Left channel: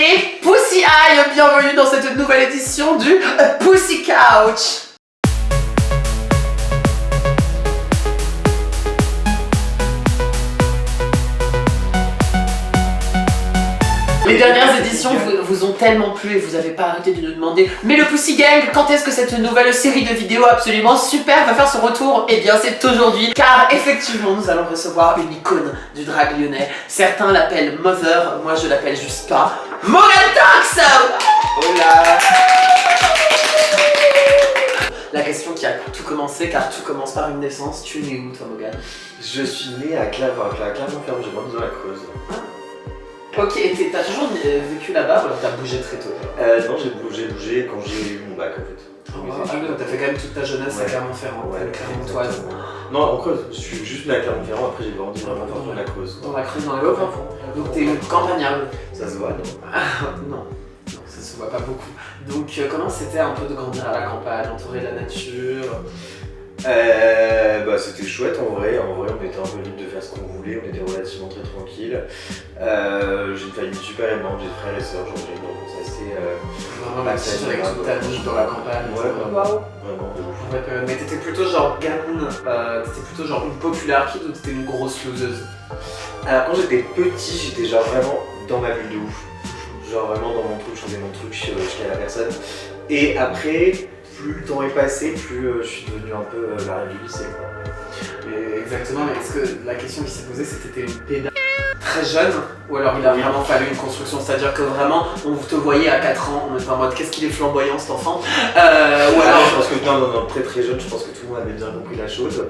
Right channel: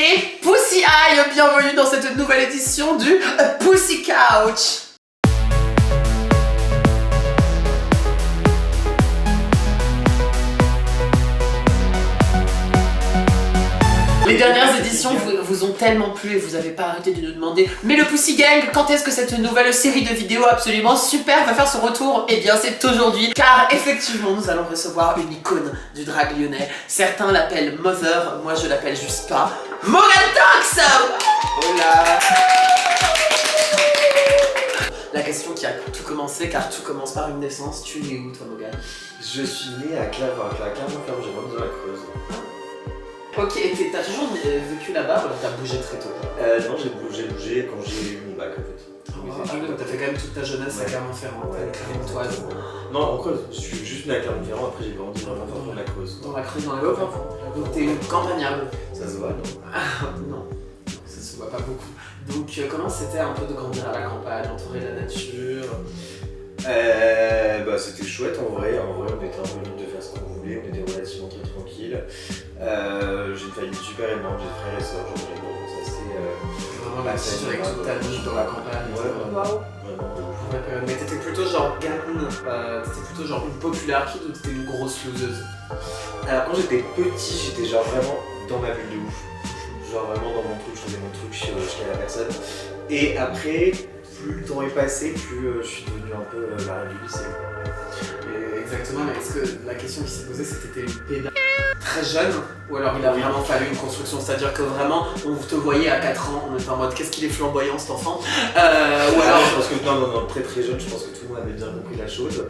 et Pussy Eye, bienvenue dans cette nouvelle édition du Pussy Couch. Les dernières éditions vous ont tellement plu et vous n'avez pas arrêté de nous demander mais le Pussy Gang, quand est-ce que cette nouvelle série de vidéos absolument super va faire son retour? Eh bien c'est aujourd'hui, car effectivement nous allons recevoir une icône du drag lyonnais. Certains l'appellent Mother, moi je l'appelle juste pas Morgan Tox. Hola. La question qui a tout commencé, car tout commence par une naissance, tu es né où toi Morgan? Je suis né à Clermont-Ferrand, j'ai grandi dans la Creuse. Ok, et t'as toujours vécu là-bas ou alors t'as bougé très tôt? Non, j'ai bougé quand j'ai eu mon bac en fait. T'as fait quand même toute ta jeunesse à Clermont-Ferrand, Clermontoise. Non, en Creuse, je suis juste né à Clermont-Ferrand, après j'ai grandi dans la Creuse. Dans la Creuse, dans la Creuse. Donc t'es campagnard. Ça se voit, non? Non, ça se voit pas beaucoup. Donc comment c'était un peu de grandir à la campagne, entouré de la nature? Bah c'était chouette en vrai, on était un peu libre de faire ce qu'on voulait, on était relativement très tranquille. J'ai une famille super aimante, j'ai frères et sœurs, c'est assez... Vraiment actif avec toute ta vie dans la campagne. Ouais, Waouh. Vraiment. Mais t'étais plutôt genre gamine, t'étais plutôt genre une populaire kid ou t'étais une grosse loseuse? Alors quand j'étais petit, j'étais genre vraiment dans ma bulle de ouf. Genre vraiment dans mon truc, je faisais mon truc, je fiais à la personne. Et après, plus le temps est passé, plus je suis devenu un peu la reine du lycée. Exactement, mais est-ce que la question qui s'est posée c'est que t'étais une pédale très jeune ou alors il a vraiment fallu une construction, c'est-à-dire que vraiment on te voyait à 4 ans, on était en mode qu'est-ce qu'il est flamboyant cet enfant ou alors... Je pense que non, très très jeune, je pense que tout le monde avait bien compris la chose.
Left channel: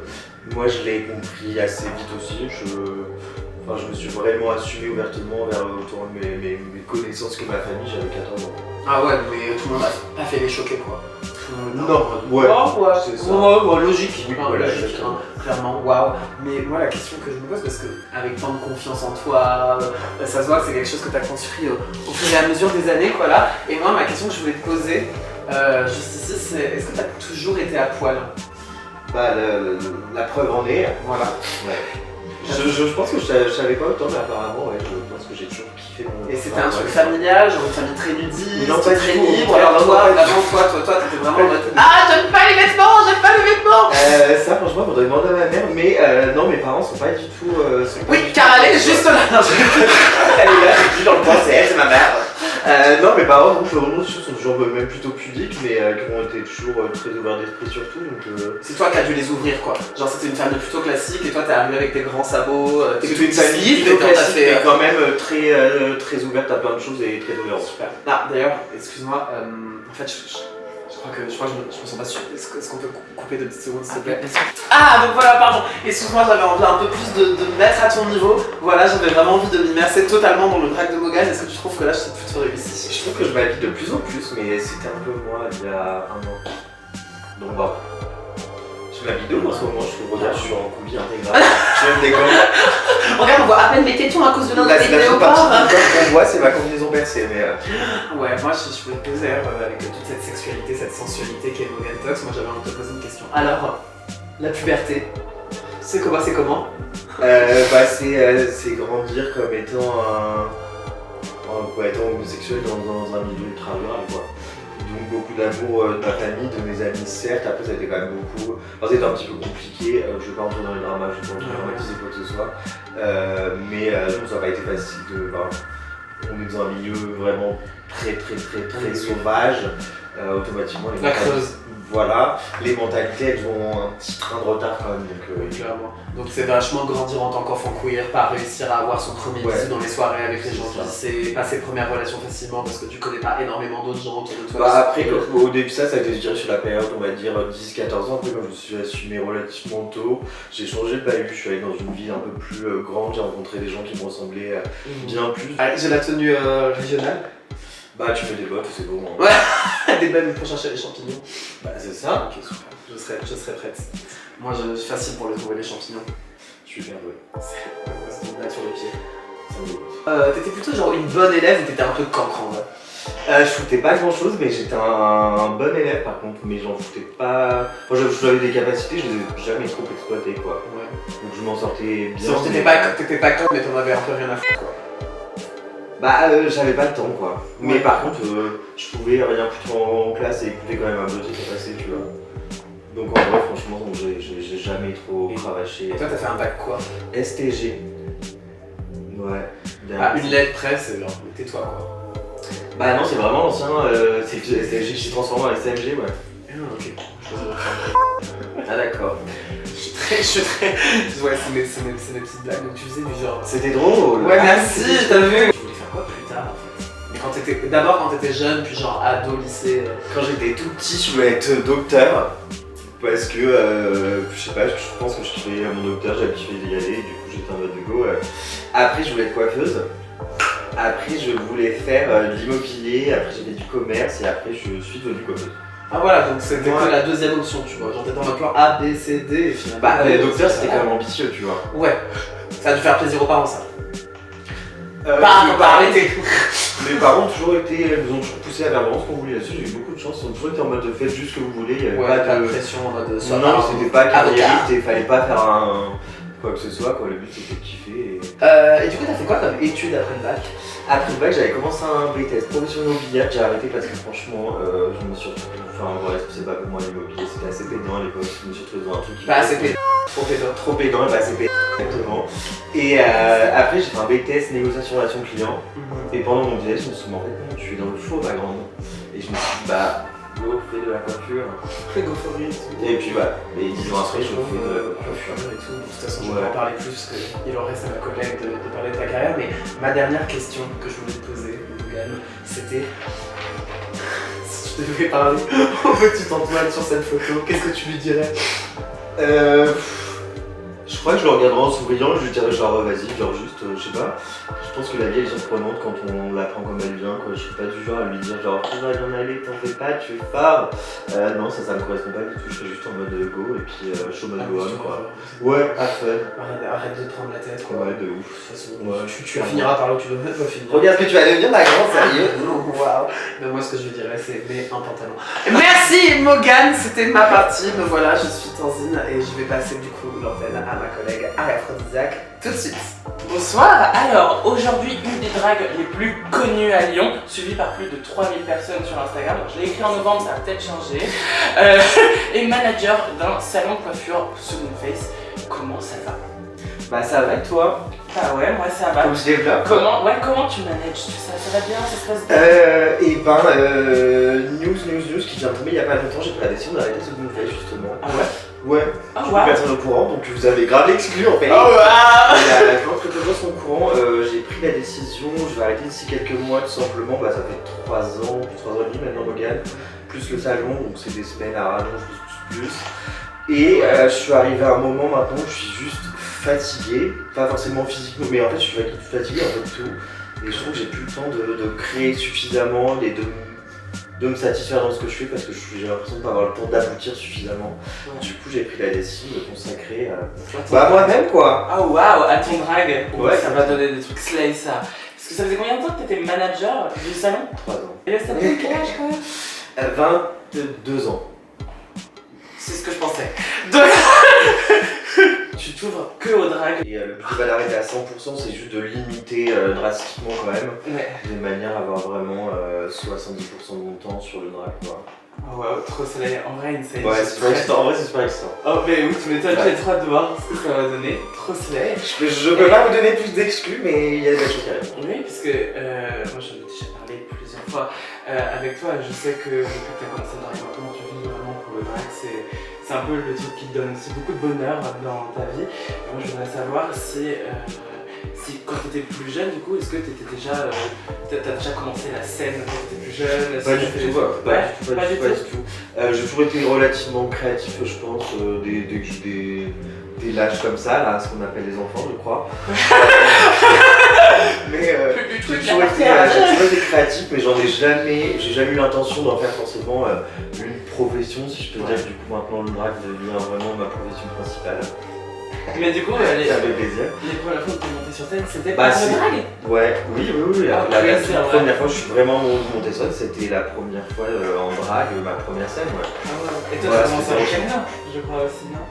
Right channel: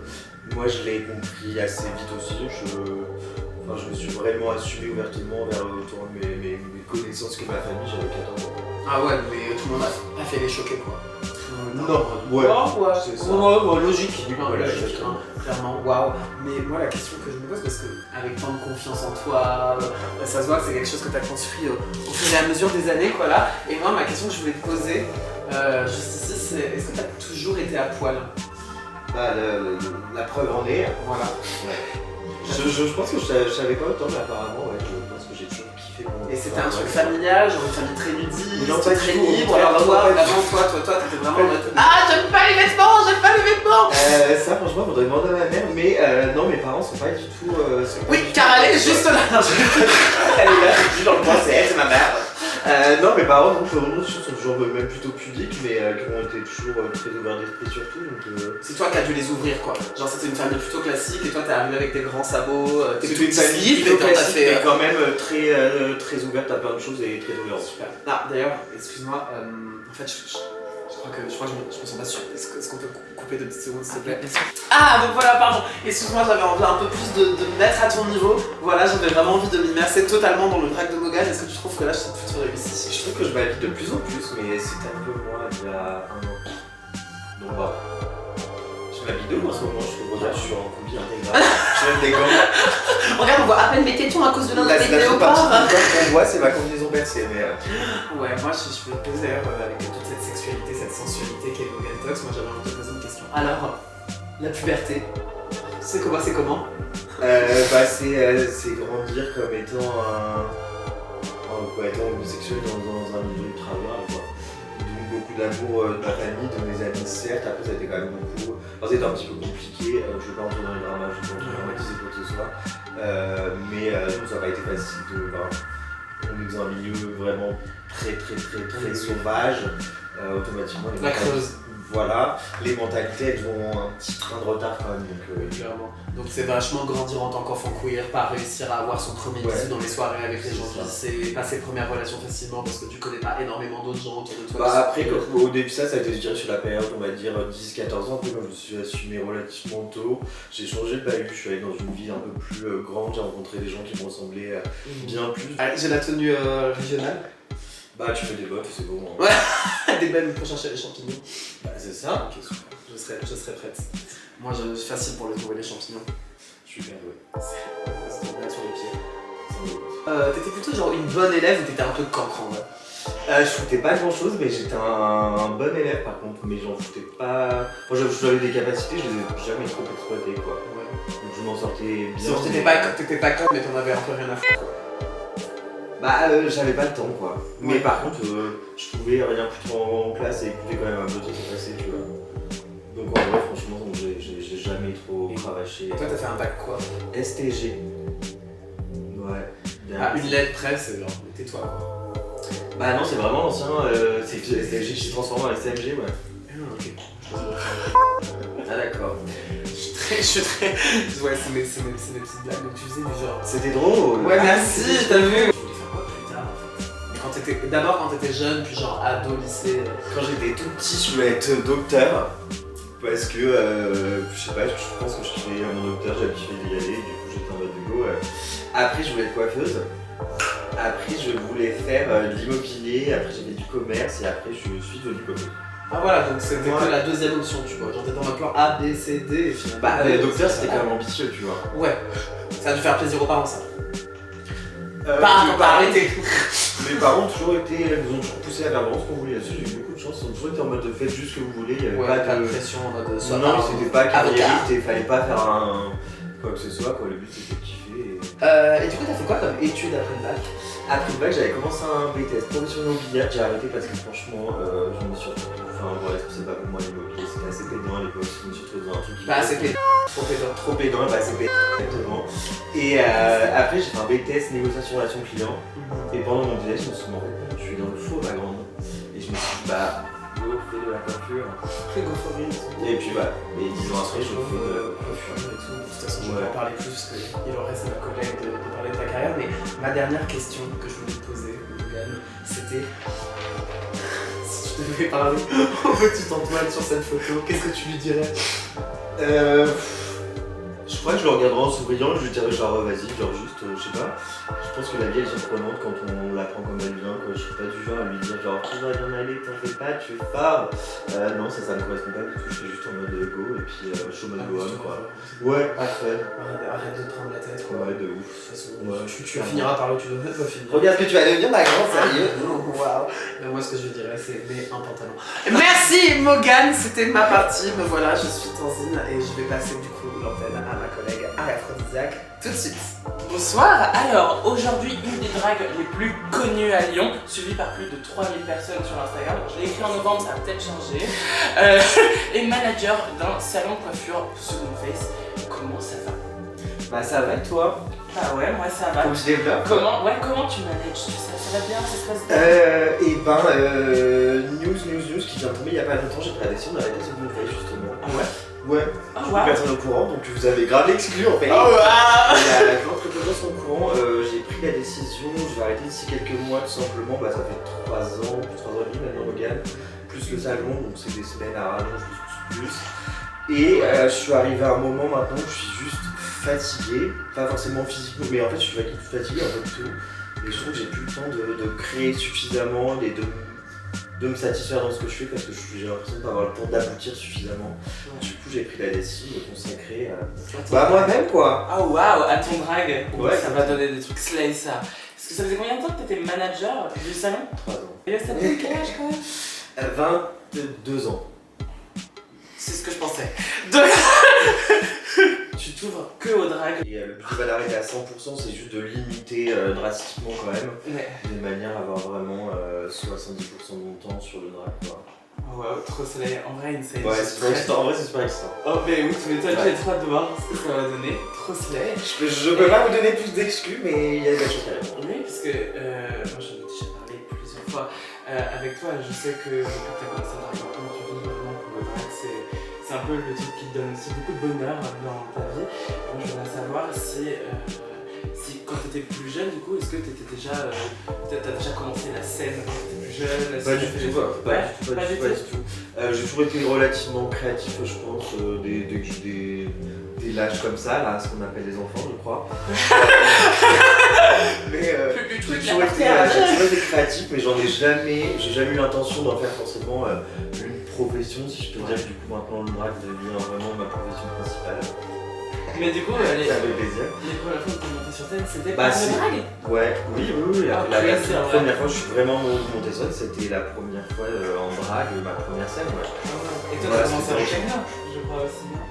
Moi je l'ai compris assez vite aussi, je me suis vraiment assumé ouvertement vers autour de mes connaissances que ma famille, j'avais 14 ans. Ah ouais, mais tout le monde a pas fait les choquer quoi. Non, ouais, c'est ça. Logique, voilà, logique clairement, waouh. Mais moi la question que je me pose, parce que avec tant de confiance en toi, ça se voit que c'est quelque chose que tu as construit au fur et à mesure des années quoi là. Et moi ma question que je voulais te poser, juste ici, c'est est-ce que tu as toujours été à poil? Bah la preuve en est, voilà. Ouais. Je pense que je savais pas autant, mais apparemment, ouais, je pense que j'ai toujours kiffé mon... Et c'était un truc familial, genre une famille très nudiste, non, pas très du tout, libre, alors toi, t'étais vraiment en mode ah j'aime pas les vêtements, ça franchement, faudrait demander à ma mère, mais non, mes parents sont pas du tout... oui, car elle est juste là. Elle est là, je suis dans le coin, c'est elle, c'est ma mère. Non, mes parents, donc, sont toujours même plutôt pudiques, mais qui ont été toujours très ouverts d'esprit surtout, donc... C'est toi qui as dû les ouvrir quoi, genre c'était une famille plutôt classique et toi t'es arrivé avec tes grands sabots, tes c'était une famille plutôt classique, mais quand même très ouverte à plein de choses et très tolérante. Super. Ah d'ailleurs, excuse-moi, en fait je crois que je me sens pas sûr. Est-ce qu'on peut couper 2 petites secondes s'il te plaît? Ah donc voilà, pardon, excuse-moi, j'avais envie un peu plus de me mettre à ton niveau. Voilà, j'avais vraiment envie de m'immerser totalement dans le drag de Morgan. Est-ce que tu trouves que là je suis plutôt réussi? Je trouve que je m'habille de plus en plus, mais c'était un peu moins il y a 1 an. Donc bah, je m'habille de en ce moment, regarde, je suis en combi intégral, je mets des gants. Regarde, on voit à peine mes tétons à cause de notre vidéo. On voit, c'est ma combinaison percée, mais... Ouais, moi je vais te poser avec toute cette sexualité, cette sensualité qu'est Morgan Tox, moi j'avais envie de te poser une question. Alors, la puberté, c'est comment? C'est grandir comme étant étant homosexuel dans un milieu ultra violent, quoi. Donc beaucoup d'amour de ma famille, de mes amis, certes, après ça a été quand même beaucoup... Enfin, c'était un petit peu compliqué, je vais pas entrer dans les dramas, je vais pas dramatiser quoi que ce soit. Mais non, ça n'a pas été facile on est dans un milieu vraiment très sauvage, automatiquement la Creuse. Voilà, les mentalités elles ont un petit train de retard quand même, donc clairement. Donc c'est vachement grandir en tant qu'enfant queer, pas réussir à avoir son premier bisou dans les soirées avec les gens du lycée, pas ses premières relations facilement parce que tu connais pas énormément d'autres gens autour de toi. Bah après, au début ça a été, je dirais, sur la période, on va dire 10-14 ans, après quand je me suis assumé relativement tôt, j'ai changé de bahut, je suis allé dans une ville un peu plus grande, j'ai rencontré des gens qui me ressemblaient bien plus. Ah, j'ai la tenue régionale. Bah tu fais des bottes, c'est bon. Hein. Ouais, des belles pour chercher les champignons. Bah c'est ça. Ok, super, je serai prête. Moi je suis facile pour les trouver les champignons. Super, ouais. C'est une blague sur le pied. T'étais plutôt genre une bonne élève ou t'étais un peu cancre en vrai? Je foutais pas grand chose, mais j'étais un bon élève par contre, mais j'en foutais pas. Moi j'avais des capacités, je les ai jamais trop exploitées quoi. Ouais. Donc je m'en sortais bien. T'étais pas con mais t'en avais un peu rien à foutre quoi. J'avais pas le temps quoi. Mais par contre, je pouvais rien foutre en classe et écouter quand même un peu de temps passer, tu vois. Donc en vrai, franchement, j'ai jamais trop cravaché. Et toi, t'as fait un bac quoi? STG. Ouais. Ah, une lettre près, c'est genre, tais-toi quoi. Bah non, c'est vraiment l'ancien, c'est STG qui s'est transformé en STMG, ouais. Ah, ok. Ah d'accord. Je suis très. Ouais, c'est mes petites blagues, donc tu faisais du genre. C'était drôle. Ouais, merci, t'as vu? Tu voulais faire quoi plus tard en fait? D'abord quand t'étais jeune, puis genre ado, lycée. Quand j'étais tout petit, je voulais être docteur. Parce que, je sais pas, je pense que je kiffais mon docteur, j'avais kiffé d'y aller, du coup j'étais en mode de go. Après, je voulais être coiffeuse. Après, je voulais faire de l'immobilier. Après, j'ai fait du commerce. Et après, je suis devenue coiffeuse. Ah voilà, donc c'était que la deuxième option, tu vois. Genre t'étais dans le plan A, B, C, D et finalement. Bah, le docteur, c'était quand même ambitieux, tu vois. Ouais, ça a dû faire plaisir aux parents, ça. Pas arrêté. Mes parents ont toujours été, ils nous ont toujours poussé à faire vraiment ce qu'on voulait là-dessus. J'ai eu beaucoup de chance, ils ont toujours été en mode faites juste ce que vous voulez. Il y avait Ouais, pas de pression en mode Non, c'était pas carriériste et fallait pas faire un. Quoi que ce soit, quoi. Le but c'était de kiffer. Et du coup, t'as fait quoi comme études après le bac? Après le bac, j'avais commencé un BTS profession immobilière, j'ai arrêté parce que franchement, je me suis retrouvé. Enfin, ouais, c'est pas pour moi l'immobilier, c'était assez pédant à l'époque. Je me suis retrouvé dans un truc qui. Pas assez pédant. Trop pédant. Trop pédant, et bah c'est pédant, exactement. Et après, j'ai fait un BTS négociation relation client. Et pendant mon BTS, je me suis dit, en fait, je suis dans le faux, ma grande. Et je me suis dit, bah, go, fais de la coiffure. Fais go for it. Et puis, bah, et 10 ans après, je fais de la coiffure. De toute façon, je vais en parler plus parce qu'il en reste à ma collègue de parler de ta carrière. Mais ma dernière question que je voulais te poser, Logan, c'était si tu devais parler au petit Antoine sur cette photo, qu'est-ce que tu lui dirais? Je crois que je le regarderai en souriant, je lui dirais genre vas-y, genre juste, je sais pas. Je pense que la vie elle est surprenante quand on l'apprend comme elle vient, quoi. Je suis pas du genre à lui dire genre tu vas bien aller, t'en fais pas, tu es fort. Non, ça me correspond pas du tout, je serais juste en mode go et puis show mode go on quoi. Ouais, à fun. Arrête de te prendre la tête quoi. Ouais, de ouf. De toute façon, Ouais, tu finiras par là où tu dois finir. Regarde ce que tu vas devenir, ma grande, sérieux. Waouh. Mais moi ce que je lui dirais c'est mets un pantalon. Merci Morgane, c'était ma partie. Me voilà, je suis Tanzine et je vais passer du coup l'antenne à ma collègue Aphrodisiaque tout de suite. Bonsoir, alors aujourd'hui une des dragues les plus connues à Lyon, suivie par plus de 3000 personnes sur Instagram. Je l'ai écrit en novembre, ça a peut-être changé. Et manager d'un salon de coiffure Second Face. Comment ça va? Bah ça va et toi? Ah ouais, moi ça va. Comme je développe. Comment tu manages? Ça va bien, ça se passe bien? News qui vient de tomber il y a pas longtemps, j'ai pris la décision d'arrêter Second Face justement. Ah ouais? Ouais, Ah je suis ouais. personne au courant, donc vous avez grave l'exclu en fait. Oh wow. Je pense que peu de gens sont au courant, j'ai pris la décision, je vais arrêter d'ici quelques mois tout simplement, bah ça fait 3 ans, plus 3 ans et demi maintenant Logan, plus le salon, donc c'est des semaines à rallonge, plus. Et je suis arrivé à un moment maintenant où je suis juste fatigué, pas forcément physiquement, mais en fait je suis fatigué en fait tout. Et je trouve que j'ai plus le temps de créer suffisamment et de me satisfaire dans ce que je fais parce que j'ai l'impression de pas avoir le temps d'aboutir suffisamment. Ouais. Du coup j'ai pris la décision de consacrer à moi-même quoi. Ah waouh, à ton drague. Ouais, ça va donner des trucs slay ça. Parce que ça faisait combien de temps que t'étais manager du salon? 3 ans. Et là ça fait quel âge quand même? 22 ans. C'est ce que je pensais. Donc tu t'ouvres que aux dragues. Et le but c'est pas d'arrêter à 100%, c'est juste de limiter drastiquement quand même. Ouais. De manière à avoir vraiment 70% de mon temps sur le drag quoi. Oh wow, trop soleil. En vrai, une scène. Ouais, c'est super excitant. En vrai, c'est super excitant. Oh, mais oui, tu m'étonnes, j'ai trop hâte de voir ce que ça va donner. Trop soleil. Je peux pas vous donner plus d'exclus, mais il y a des belles choses qui arrivent. Oui, parce que moi j'en ai déjà parlé plusieurs fois avec toi. Je sais que depuis que tu as commencé à draguer un peu, tu vis vraiment pour le drag. C'est un peu le truc qui te donne aussi beaucoup de bonheur dans ta vie. Et moi, je voudrais savoir si quand tu étais plus jeune, du coup, est-ce que tu étais déjà. T'as déjà commencé la scène quand tu étais plus jeune? Pas du tout, pas du tout. J'ai toujours été relativement créatif, je pense, dès que j'ai des lâches comme ça, là, ce qu'on appelle les enfants, je crois. Mais j'ai toujours été créatif, mais j'ai jamais eu l'intention d'en faire forcément une profession, si je peux dire. Du coup, maintenant, le drag devient vraiment ma profession principale. Mais du coup, ça fait plaisir. Les premières fois que tu es monté sur scène, c'était pas le drag? Ouais, oui. La première fois que je suis vraiment monté sur scène, c'était la première fois en drag, ma première scène. Ouais. Et toi, tu as commencé avec Kenya, je crois aussi, non?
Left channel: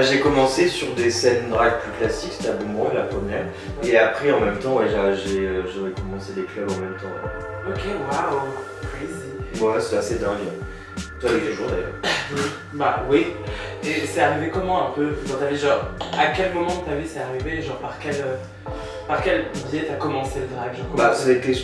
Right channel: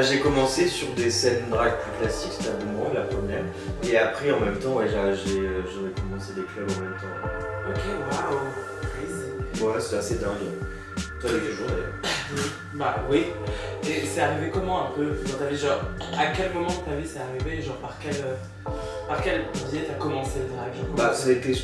J'ai commencé sur des scènes drag plus classiques, c'était à Beaumont, la première. Et après, en même temps, ouais, j'aurais commencé des clubs en même temps. Ok, waouh, crazy. Ouais, c'est assez dingue. Toi, avec les jours d'ailleurs. Bah oui. Et c'est arrivé comment un peu dans ta vie? Genre, à quel moment de ta vie c'est arrivé? Genre, par quel biais t'as commencé le drag? Genre, Bah, ça a été, je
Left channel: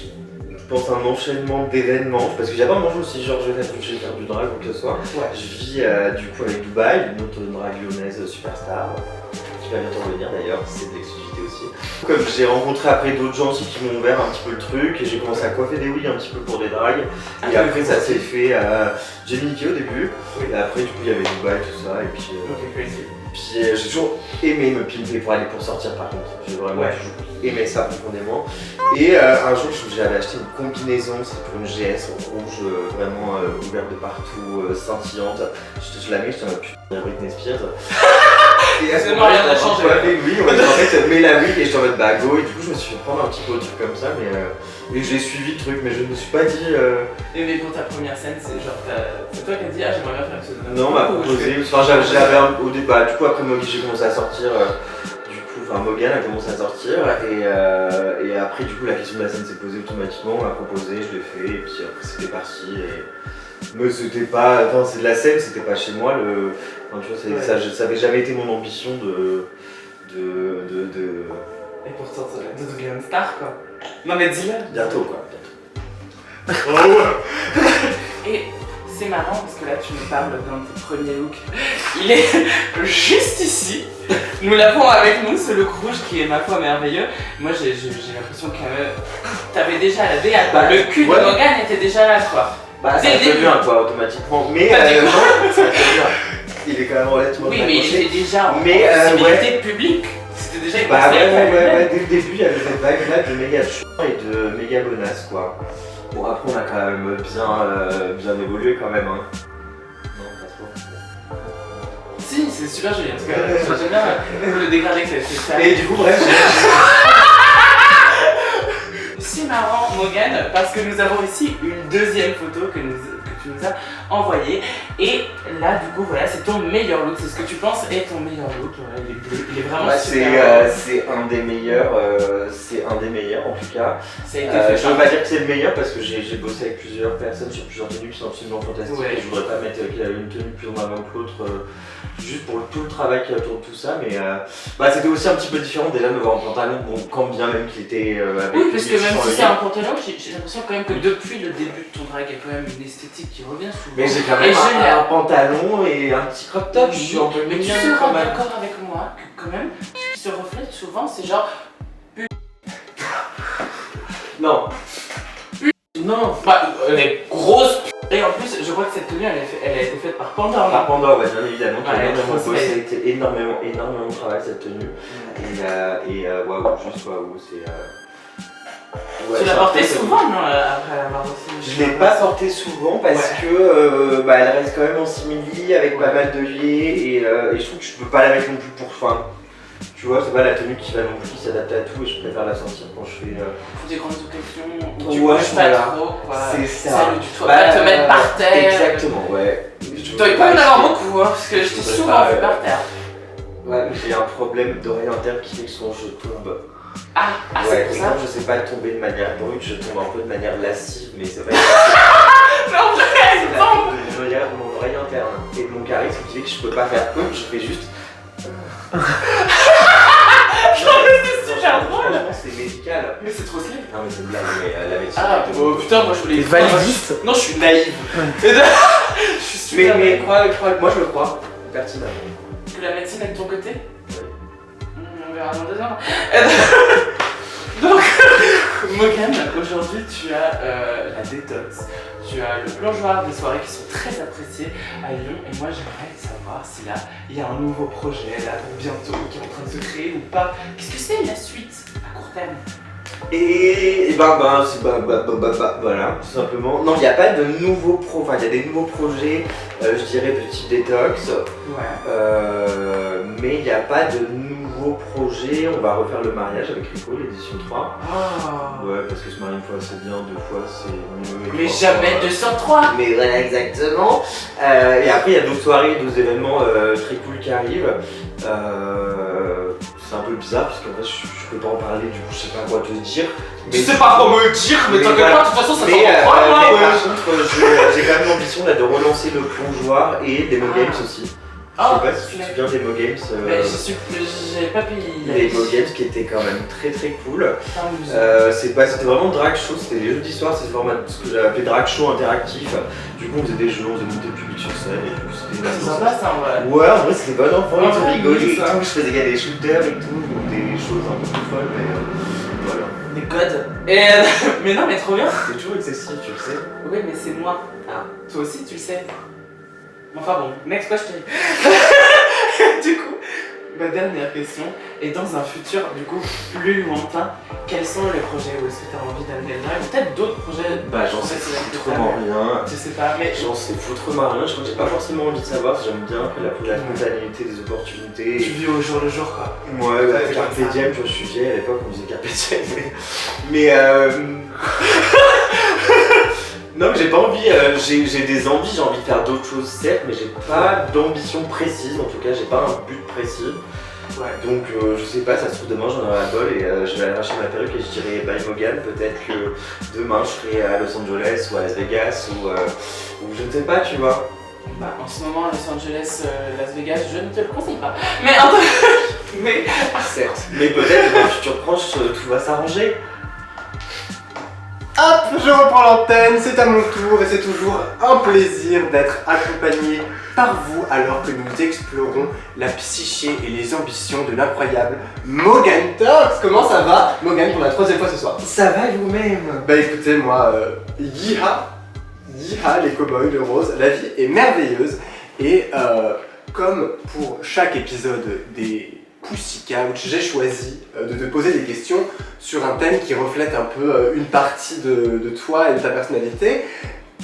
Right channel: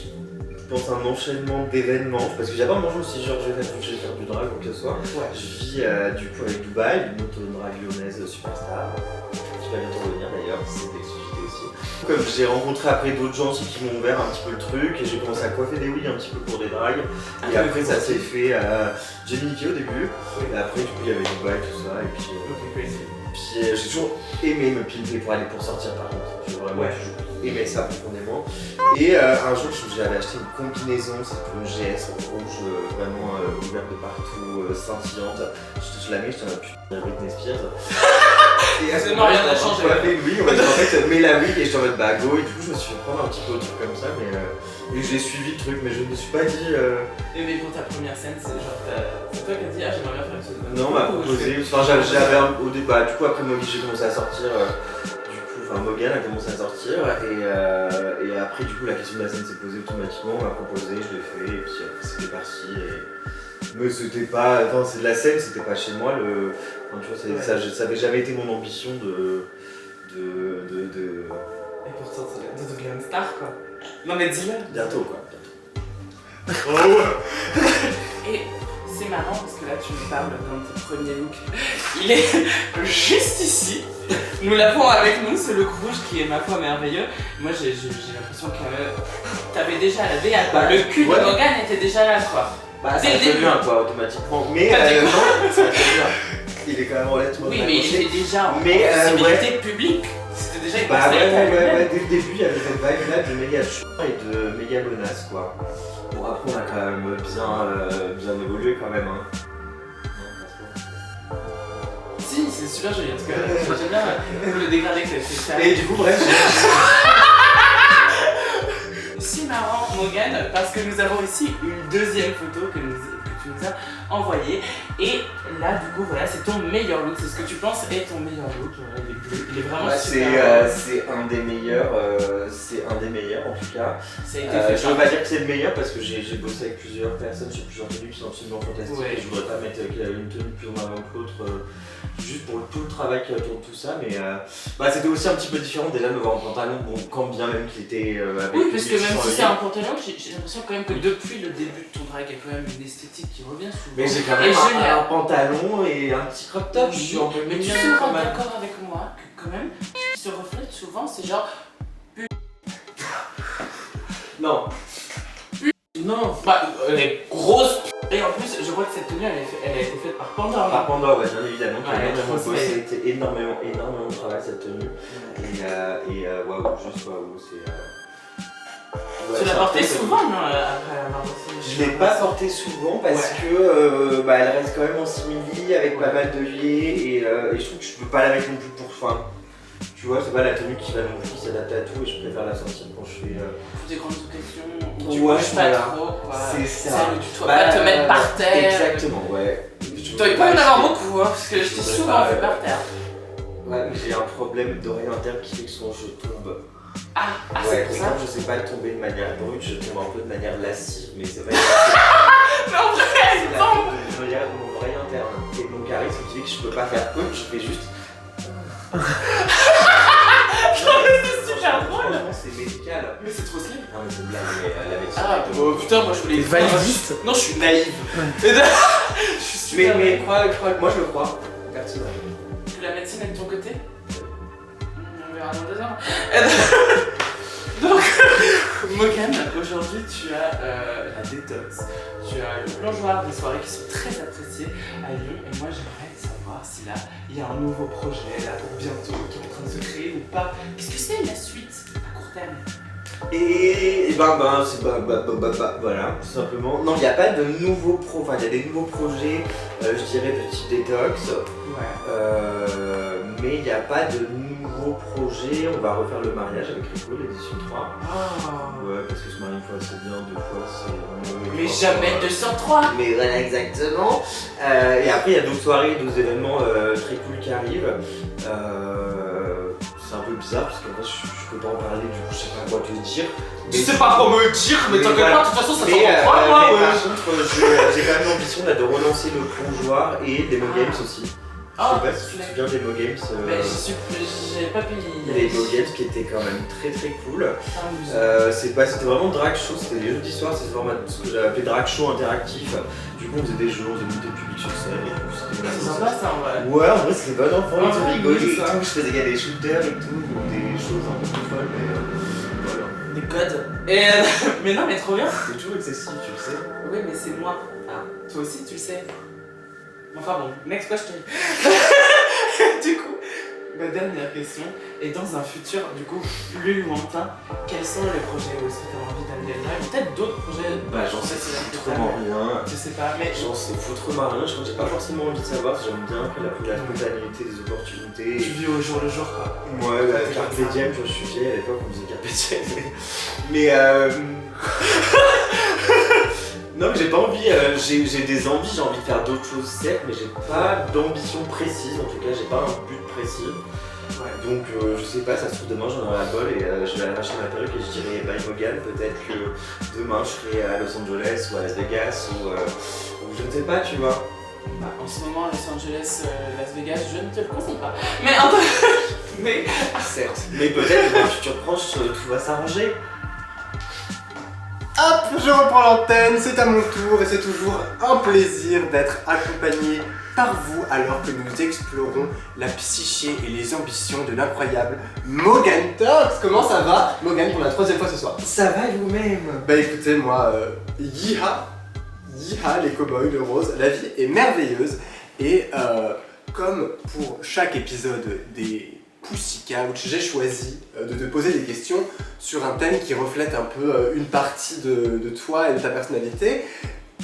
pense, un enchaînement d'événements. Parce que j'ai pas mangé aussi, genre, je vais faire du drag ou que ce soit. Ouais. Je vis du coup avec Dubaï, une autre drag lyonnaise superstar. Qui va bientôt revenir d'ailleurs, c'est de l'exclusivité aussi. Comme j'ai rencontré après d'autres gens aussi qui m'ont ouvert un petit peu le truc et j'ai commencé à coiffer des oui un petit peu pour des drags. Et après ça s'est fait à Jamie Nikki au début. Et après du coup il y avait Dubaï, tout ça. Et puis, j'ai toujours aimé me pimper pour aller pour sortir par contre. J'ai vraiment toujours aimé ça profondément. Et un jour j'avais acheté une combinaison, c'était pour une GS rouge vraiment ouverte de partout, scintillante. Je la mets, je t'en ai putain de Britney Spears. Et à ce moment-là, rien n'a changé. Oui, en fait, mets la wig et je t'en mode bah go. Et du coup, je me suis fait prendre un petit peu au truc comme ça, mais et j'ai suivi le truc, mais je ne me suis pas dit. Mais pour ta première scène, c'est genre, c'est toi qui as dit ah j'aimerais bien faire ça. Non, on m'a proposé. Enfin, j'avais au début, bah, du coup, après Moggy, j'ai commencé à sortir. Morgane a commencé à sortir et après du coup la question de la scène s'est posée automatiquement, on m'a proposé, je l'ai fait et puis après c'était parti mais c'était pas, enfin c'est de la scène, c'était pas chez moi enfin, tu vois, ça avait jamais été mon ambition de... Et pourtant de devenir une star quoi. Non mais dis-le. Bientôt quoi. Et c'est marrant parce que là tu me parles dans tes premiers looks. Il est juste ici. Nous l'avons avec nous, ce look rouge qui est ma foi merveilleux. Moi j'ai l'impression que t'avais déjà la DA quoi. Le cul de Morgane était déjà là quoi. Bah ça fait bien quoi automatiquement. Mais non, ça fait bien. Il est quand même relativement. Oui mais il était déjà en visibilité publique. C'était déjà une ouais, dès le début il y avait cette vague là de méga chouin et de méga bonasse quoi. Bon après on a quand même bien évolué quand même hein. Si, c'est super joli en tout cas. J'aime bien le dégradé que t'as fait. Et du coup bref C'est marrant Morgane parce que nous avons ici une deuxième photo que tu nous as envoyée. Et là du coup voilà c'est ton meilleur look, c'est ce que tu penses est ton meilleur look. Il est vraiment super. C'est un des meilleurs, en tout cas. Ça a été fait je veux pas dire que c'est le meilleur parce que j'ai bossé avec plusieurs personnes sur plusieurs tenues qui sont absolument fantastiques et je voudrais pas mettre une tenue plus en avant que l'autre juste pour tout le travail qui autour de tout ça mais c'était aussi un petit peu différent déjà de me voir en pantalon, bon quand bien même qu'il était avec oui parce que même si c'est un pantalon j'ai l'impression quand même que depuis le début de ton drag il y a quand même une esthétique qui revient souvent. Mais j'ai quand même un pantalon et un petit crop top, je suis un peu mais tu seras d'accord avec moi que quand même ce qui se reflète souvent c'est genre non. Non, elle est grosse. Et en plus, je crois que cette tenue, elle a été faite par Panda. Par Panda, ouais, bien évidemment. Ouais, ça a été énormément de travail cette tenue. Et waouh, juste waouh, c'est. Tu l'as portée souvent, non, après l'avoir reçue? Je l'ai pas portée souvent parce que elle reste quand même en simili avec pas mal de liés et je trouve que je peux pas la mettre non plus pour fin. Tu vois, c'est pas la tenue qui va non plus s'adapter à tout et je préfère la sortir quand je fais. Des grandes occasions où tu ouais, bouges pas trop, quoi. C'est ça. Celle où tu dois pas te mettre par terre. Exactement, ouais. Tu dois pas en avoir beaucoup, hein, parce que je t'ai souvent vu par terre. Ouais, mais j'ai un problème d'oreille interne qui fait que souvent je tombe. Ah, c'est pour ça. Quand je sais pas tomber de manière brute, je tombe un peu de manière lascive, mais c'est vrai. Mais en vrai, elle tombe. Je regarde mon oreille interne et mon charisme qui fait que je peux pas faire comme, je fais juste. C'est super drôle. Franchement, c'est médical. Mais c'est trop stylé. Non, mais c'est une blague, mais la médecine. Ah, oh putain, moi je voulais. Validiste. Non, je suis naïve. Je suis super Mais naïve. moi je le crois, personnellement. Que la médecine est de ton côté? On verra dans 2 ans. Donc, Morgane, aujourd'hui tu as la détox, tu as le plongeoir des soirées qui sont très appréciées à Lyon et moi j'aimerais savoir si là il y a un nouveau projet là pour bientôt qui est en train de se créer ou pas. Qu'est-ce que c'est la suite à court terme? Et voilà, tout simplement. Non, il n'y a pas de nouveaux il y a des nouveaux projets, je dirais de type détox. Ouais. mais il n'y a pas de nouveau projet. On va refaire le mariage avec Rico, l'édition 3. Ouais, parce que se marier une fois c'est bien, deux fois c'est mieux. Mais jamais 203. Mais voilà, exactement. Et après, il y a d'autres soirées, d'autres événements très cool qui arrivent. C'est un peu bizarre parce qu'en fait, je peux pas en parler, du coup, je sais pas quoi te dire. Tu sais pas quoi me dire, mais t'inquiète voilà. pas, de toute façon ça Mais, s'entend pas, moi. mais par contre, j'ai quand même l'ambition là, de relancer le plongeoir et des Mo Games aussi. Je sais pas si tu te souviens des Mo Games. J'avais pas pu y Les Mo Games qui étaient quand même très très cool. C'était vraiment drag show, c'était les jeudis soirs, c'était vraiment ce que j'avais appelé drag show interactif. Du coup, on faisait des jeux, on faisait monter le public sur scène et tout. C'est sympa ça en vrai. Ouais, en vrai, c'était bon enfant, Ouais, ils rigolaient et ça. tout. Je faisais gagner des shooters et tout, donc des choses un peu plus folles, mais voilà. Des codes. Mais non, mais trop bien. C'est toujours excessif, tu le sais. Oui, mais c'est moi. Ah. Toi aussi, tu le sais. Enfin bon, next question. Du coup, ma dernière question est dans un futur du coup plus lointain. Quels sont les projets où est-ce que tu as envie d'aller là? Ou peut-être d'autres projets? Bah, j'en sais foutrement rien. Je sais pas, mais J'en sais foutrement rien, je crois que j'ai pas forcément envie de savoir, j'aime bien la spontanéité des opportunités. tu vis au jour le jour quoi. Ouais, bah, Carpe Diem, je suis vieille, à l'époque on disait Carpe Diem, mais non, mais j'ai pas envie, j'ai des envies, j'ai envie de faire d'autres choses certes, mais j'ai pas d'ambition précise, en tout cas j'ai pas un but précis. Ouais. Donc je sais pas, ça se trouve demain j'en aurai la bol et je vais aller arracher ma perruque et je dirai bye Morgan, peut-être que demain je serai à Los Angeles ou à Las Vegas ou je ne sais pas, tu vois. Bah, en ce moment, Los Angeles, Las Vegas, je ne te le conseille pas. Mais en tout mais Certes. Mais peut-être dans un futur proche tout va s'arranger. Hop, je reprends l'antenne, c'est à mon tour et c'est toujours un plaisir d'être accompagné par vous alors que nous explorons la psyché et les ambitions de l'incroyable Morgan Talks. Comment ça va, Morgan, pour la 3e fois ce soir? Ça va vous-même? Bah écoutez, moi, yiha, les cow-boys de rose, la vie est merveilleuse et comme pour chaque épisode des Pussy Couch, j'ai choisi de te poser des questions sur un thème qui reflète un peu une partie de toi et de ta personnalité.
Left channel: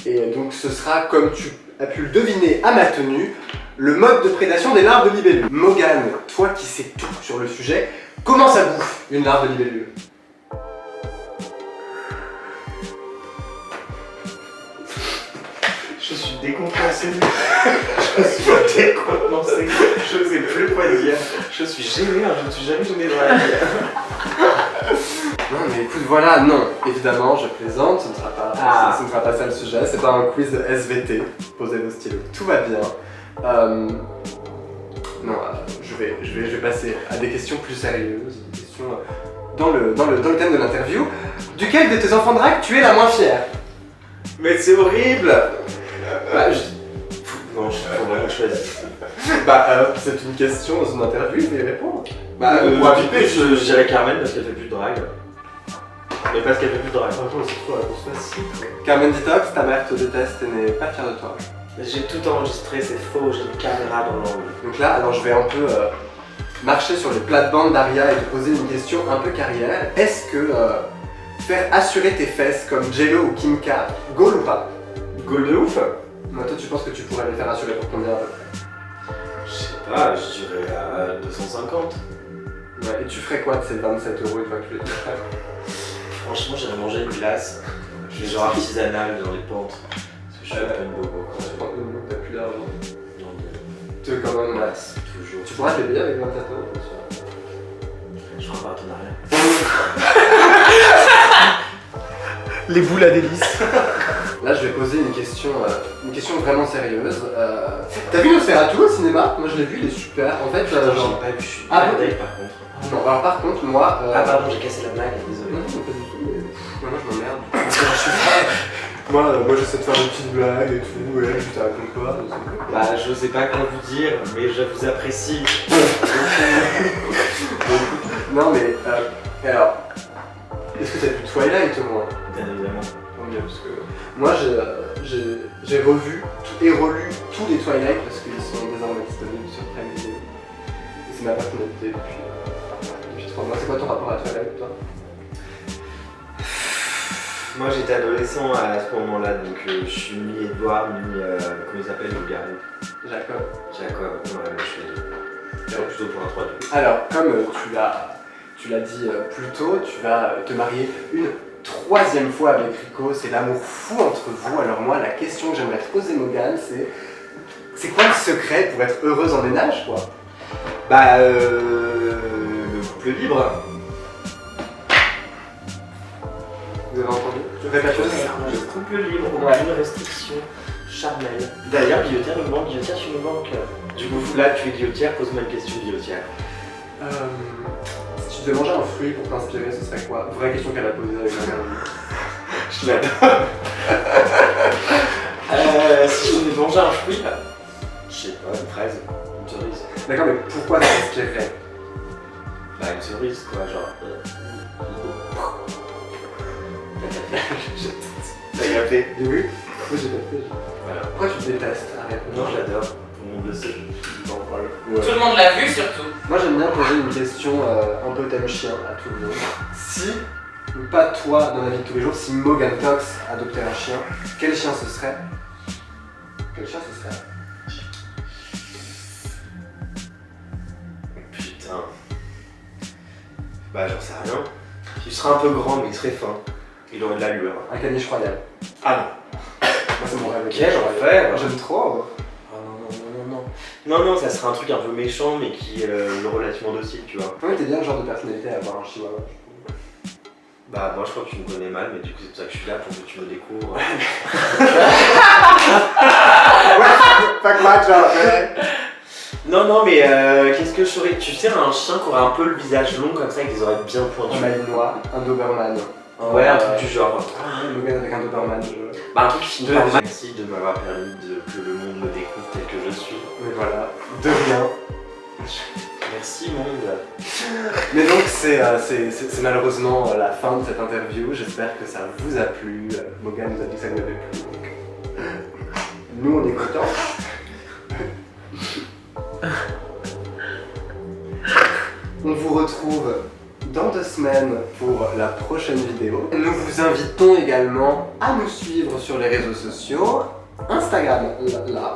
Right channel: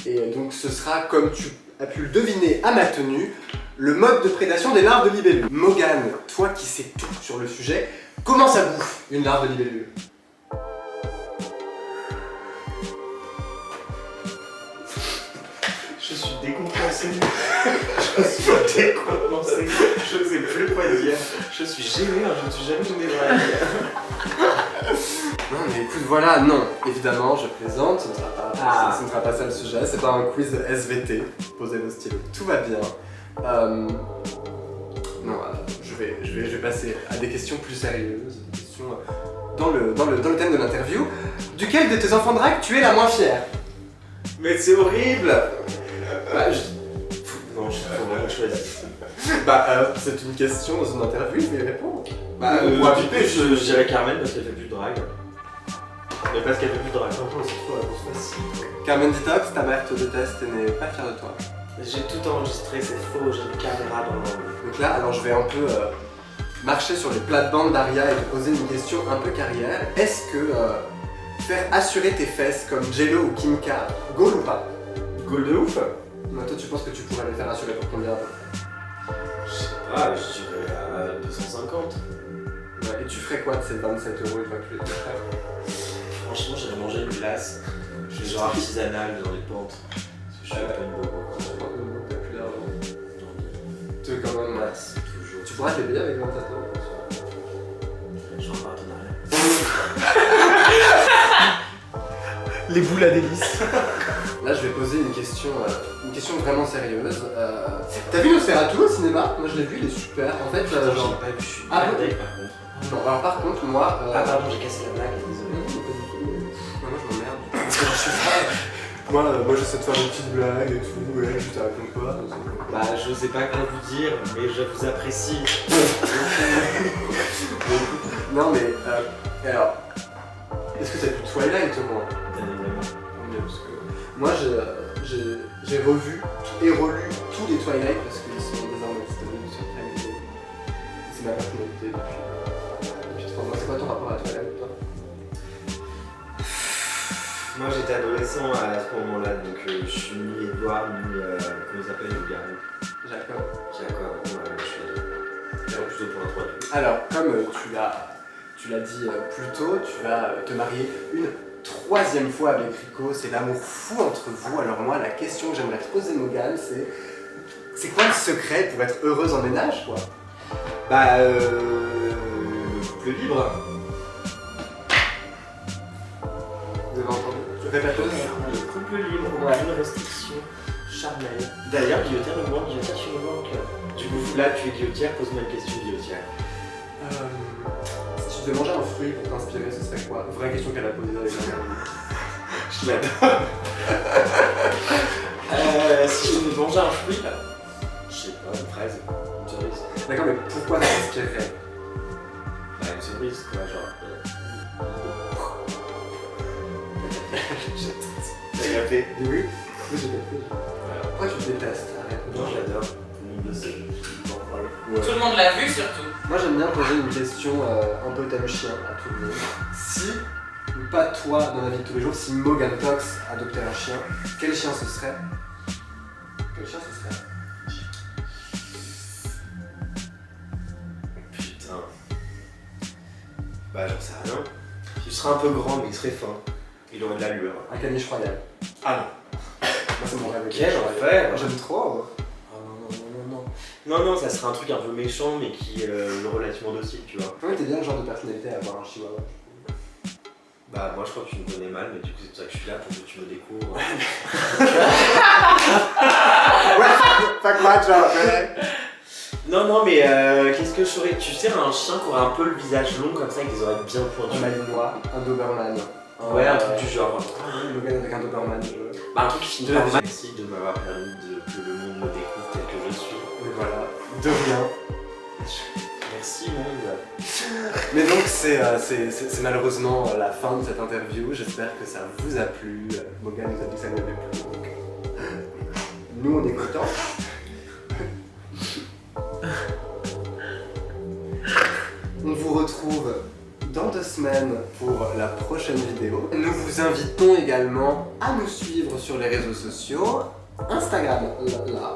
Et donc ce sera, comme tu as pu le deviner à ma tenue, le mode de prédation des larves de libellule. Morgan, toi qui sais tout sur le sujet, comment ça bouffe une larve de libellule? Je suis décontenancé. Je suis décontenancé. Je ne sais plus quoi dire. Je suis gêné, je ne suis jamais tombé dans la vie. Non mais écoute, voilà, non, évidemment, je plaisante, ce ne sera pas ça le sujet, c'est pas un quiz de SVT, posez vos stylos, tout va bien. Je vais passer à des questions plus sérieuses, des questions dans le thème de l'interview. Duquel de tes enfants drag tu es la moins fière? Mais c'est horrible. Non, je sais pas comment choisir. C'est une question dans une interview, il faut y répondre. Je dirais Carmen parce qu'elle fait plus de drague. Mais parce qu'elle fait plus de drague. Franchement, c'est trop la réponse facile. Carmen Detox, ta mère te déteste et n'est pas fière de toi. J'ai tout enregistré, c'est faux, j'ai une caméra dans l'angle. Donc là, alors je vais un peu marcher sur les plates-bandes d'Aria et te poser une question un peu carrière. Est-ce que faire assurer tes fesses comme Jello ou Kim K, goal ou pas? Goal de ouf? Moi, toi, tu penses que tu pourrais les faire assurer pour combien à peu près? Je sais pas, je dirais à 250. Ouais, et tu ferais quoi de ces 27 € une fois que tu les ferais? Franchement, j'irais manger une glace. Je fais genre artisanale dans les pentes. Parce que je suis un peu une bobo. Je pense que t'as plus d'argent. Tu veux quand même glace. Toujours. Tu pourras te les payer avec 27 €. Je ferai un partenariat. Les boules à délice. Là, je vais poser une question vraiment sérieuse. T'as vu Nosferatu au cinéma? Moi, je l'ai vu, il est super. En fait, J'ai pas vu, je suis Ah, merdé par contre. Non, alors par contre, moi. Ah, pardon, j'ai cassé la blague, désolé. Non, pas du tout. Moi, je m'emmerde. Parce que je suis pas. Moi, j'essaie de faire des petites blagues et tout, et je te raconte quoi. Bah, je sais pas quoi vous dire, mais je vous apprécie. Non, mais. Alors. Est-ce que t'as vu Twilight au moins? Bien évidemment. Parce que moi, j'ai revu et relu tous les Twilight parce qu'ils sont désormais disponibles sur Prime Video. C'est ma personnalité depuis 3 mois. C'est quoi ton rapport à Twilight, toi? Moi j'étais adolescent à ce moment-là, donc je suis ni Edouard, ni comment il s'appelle le garou. Jacob. Jacob, ouais, je suis ado. serais plutôt pour un 3-2. Alors, comme tu l'as dit plus tôt, tu vas te marier une troisième fois avec Rico. C'est l'amour fou entre vous. Alors moi, la question que j'aimerais te poser, Morgane, c'est quoi le secret pour être heureuse en ménage, quoi? Bah, le couple libre. Vous avez entendu? Je répète Le couple libre, aucune restriction charnelle. D'ailleurs, Guillotière, le moment Guillotière, tu me manques. Du coup, là, tu es guillotière, pose-moi une question guillotière. Si tu devais manger un fruit pour t'inspirer, ce serait quoi? Vraie question qu'elle a posée avec la Je l'adore. Si je devais manger un fruit, Je sais pas, une fraise, une cerise. D'accord, mais pourquoi ça t'inspirerait? Bah, une cerise, quoi, genre. T'as capté? Oui. Oui, j'ai compris. Voilà. Pourquoi tu détestes? Arrête. Non, j'adore. Tout le monde le sait. Je peux en parler. Tout le monde l'a vu surtout. Moi j'aime bien poser une question un peu thème chien à tout le monde. Si, pas toi dans la vie de tous les jours, si Morgane Tox adoptait un chien, quel chien ce serait? Quel chien ce serait? Putain. Bah, j'en sais rien. Il serait un peu grand, mais il serait fin. Il aurait de l'allure. Un caniche royal. Ah non. Moi c'est mon rêve. le Quel caniche royal. enfer. Moi, j'aime trop. Oh non, non, ça serait un truc un peu méchant, mais qui est relativement docile, tu vois. Ouais, t'es bien le genre de personnalité à avoir un chihuahua, je trouve. Bah, moi, je crois que tu me connais mal, mais du coup, c'est pour ça que je suis là, pour que tu me découvres. Ouais, fuck my job, ouais. Non, mais qu'est-ce que je ferais? Tu sais, un chien qui aurait un peu le visage long comme ça, avec des oreilles bien Un pointues. malinois, un doberman. Ouais, un truc du genre. Morgane avec un doberman, Bah, un truc qui finit De par la merci de m'avoir permis que le monde me découvre tel que je suis. Mais voilà, de rien. Merci, monde. Mais donc c'est malheureusement la fin de cette interview. J'espère que ça vous a plu. Morgane nous a dit que ça lui avait plu. Donc, nous on est contents. On vous retrouve dans 2 semaines pour la prochaine vidéo. Nous vous invitons également à nous suivre sur les réseaux sociaux. Instagram là,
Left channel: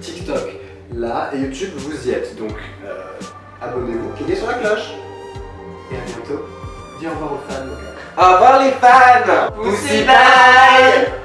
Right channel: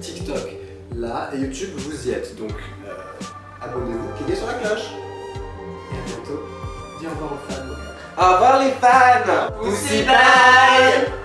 TikTok là et YouTube vous y êtes. Donc abonnez-vous, cliquez sur la cloche. Et à bientôt. Dis au revoir aux fans. Au revoir les fans. Pussy bye.